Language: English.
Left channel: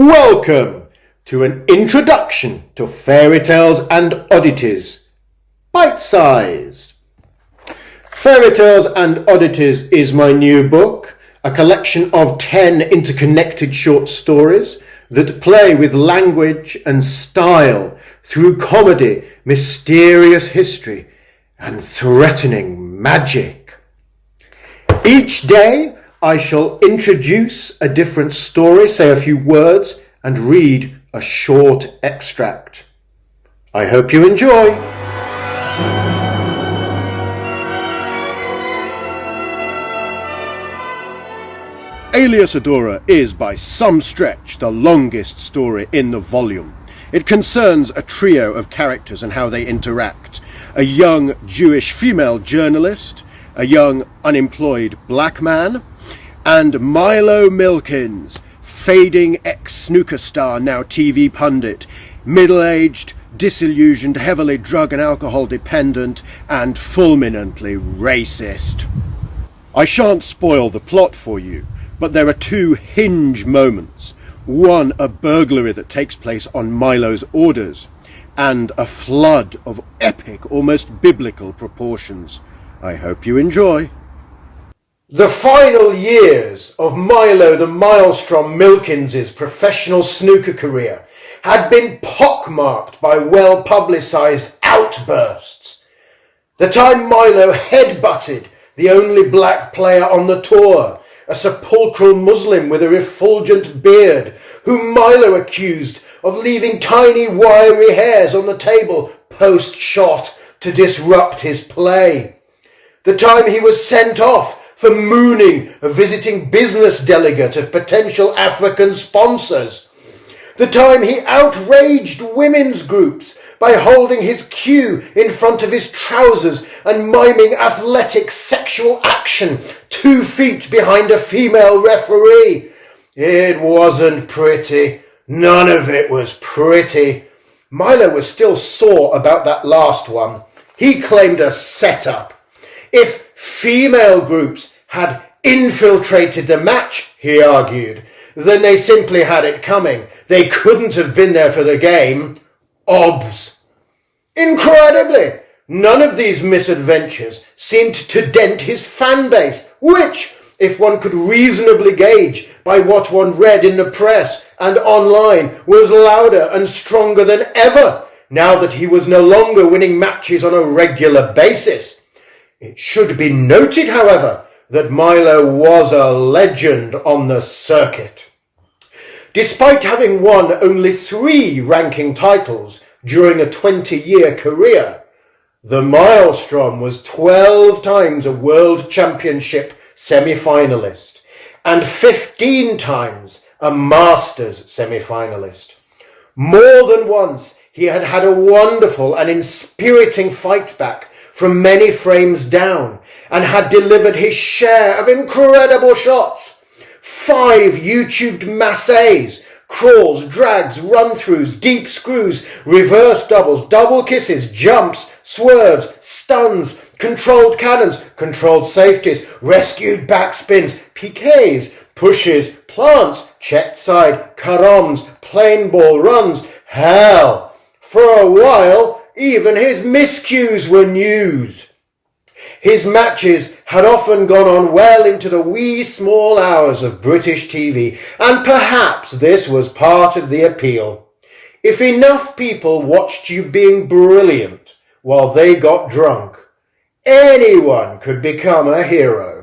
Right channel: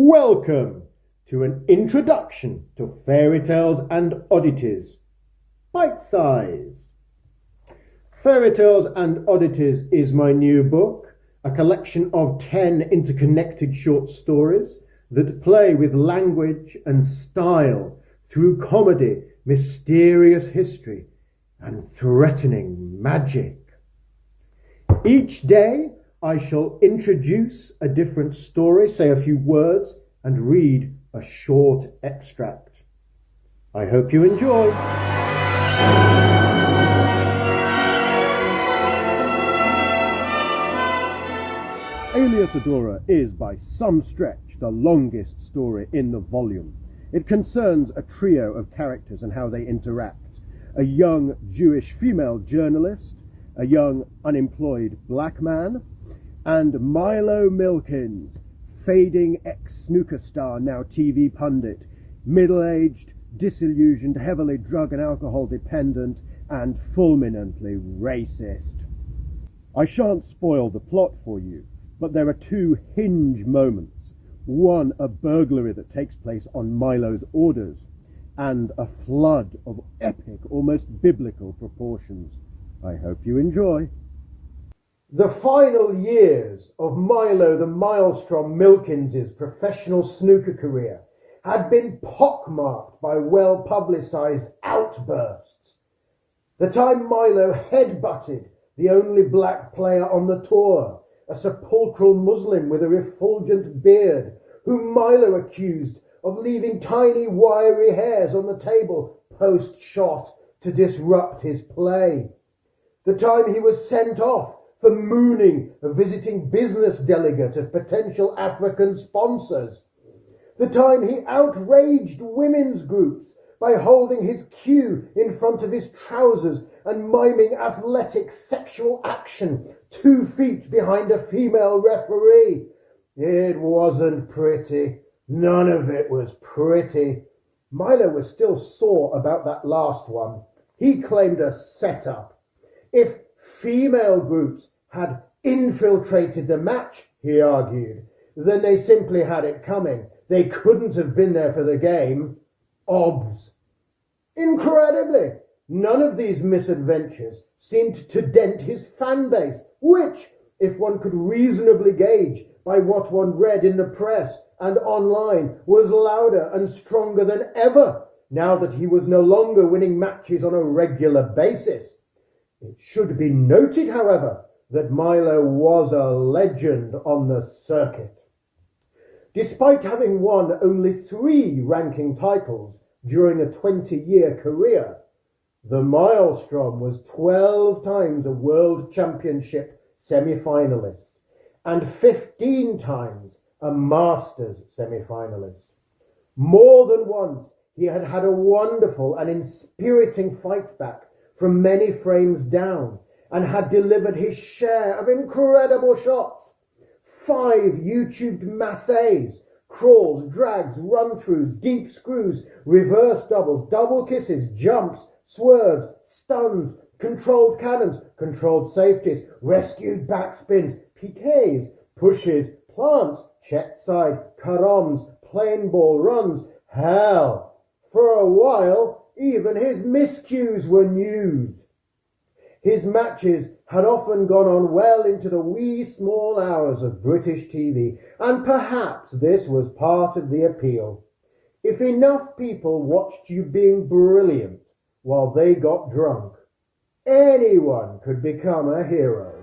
Welcome to an introduction to Fairytales and Oddities, bite-sized. Fairytales and Oddities is my new book, a collection of 10 interconnected short stories that play with language and style through comedy, mysterious history, and threatening magic. Each day I shall introduce a different story, say a few words, and read a short extract. I hope you enjoy. Alias Adora is by some stretch the longest story in the volume. It concerns a trio of characters and how they interact. A young Jewish female journalist, a young unemployed black man, and Milo Milkins, fading ex-snooker star, now TV pundit, middle-aged, disillusioned, heavily drug and alcohol dependent, and fulminantly racist. I shan't spoil the plot for you, but there are two hinge moments. One, a burglary that takes place on Milo's orders, and a flood of epic, almost biblical proportions. I hope you enjoy. The final years of Milo the Maelstrom Milkins' professional snooker career had been pockmarked by well-publicised outbursts. The time Milo headbutted the only black player on the tour, a sepulchral Muslim with a refulgent beard, whom Milo accused of leaving tiny wiry hairs on the table post-shot to disrupt his play. The time he was sent off for mooning a visiting business delegate of potential African sponsors. The time he outraged women's groups by holding his cue in front of his trousers and miming athletic sexual action 2 feet behind a female referee. It wasn't pretty. None of it was pretty. Milo was still sore about that last one. He claimed a setup. If female groups had infiltrated the match, he argued, then they simply had it coming. They couldn't have been there for the game. Obvs. Incredibly, none of these misadventures seemed to dent his fan base, which, if one could reasonably gauge by what one read in the press and online, was louder and stronger than ever, now that he was no longer winning matches on a regular basis. It should be noted, however, that Milo was a legend on the circuit. Despite having won only 3 ranking titles during a 20-year career, the Maelstrom was 12 times a World Championship semi-finalist and 15 times a Masters semi-finalist. More than once, he had had a wonderful and inspiriting fight back from many frames down, and had delivered his share of incredible shots. 5 YouTubed massays, crawls, drags, run-throughs, deep screws, reverse doubles, double kisses, jumps, swerves, stuns, controlled cannons, controlled safeties, rescued backspins, piquets, pushes, plants, checked side, caroms, plain ball runs. Hell, for a while, even his miscues were news. His matches had often gone on well into the wee small hours of British TV, and perhaps this was part of the appeal. If enough people watched you being brilliant while they got drunk, anyone could become a hero.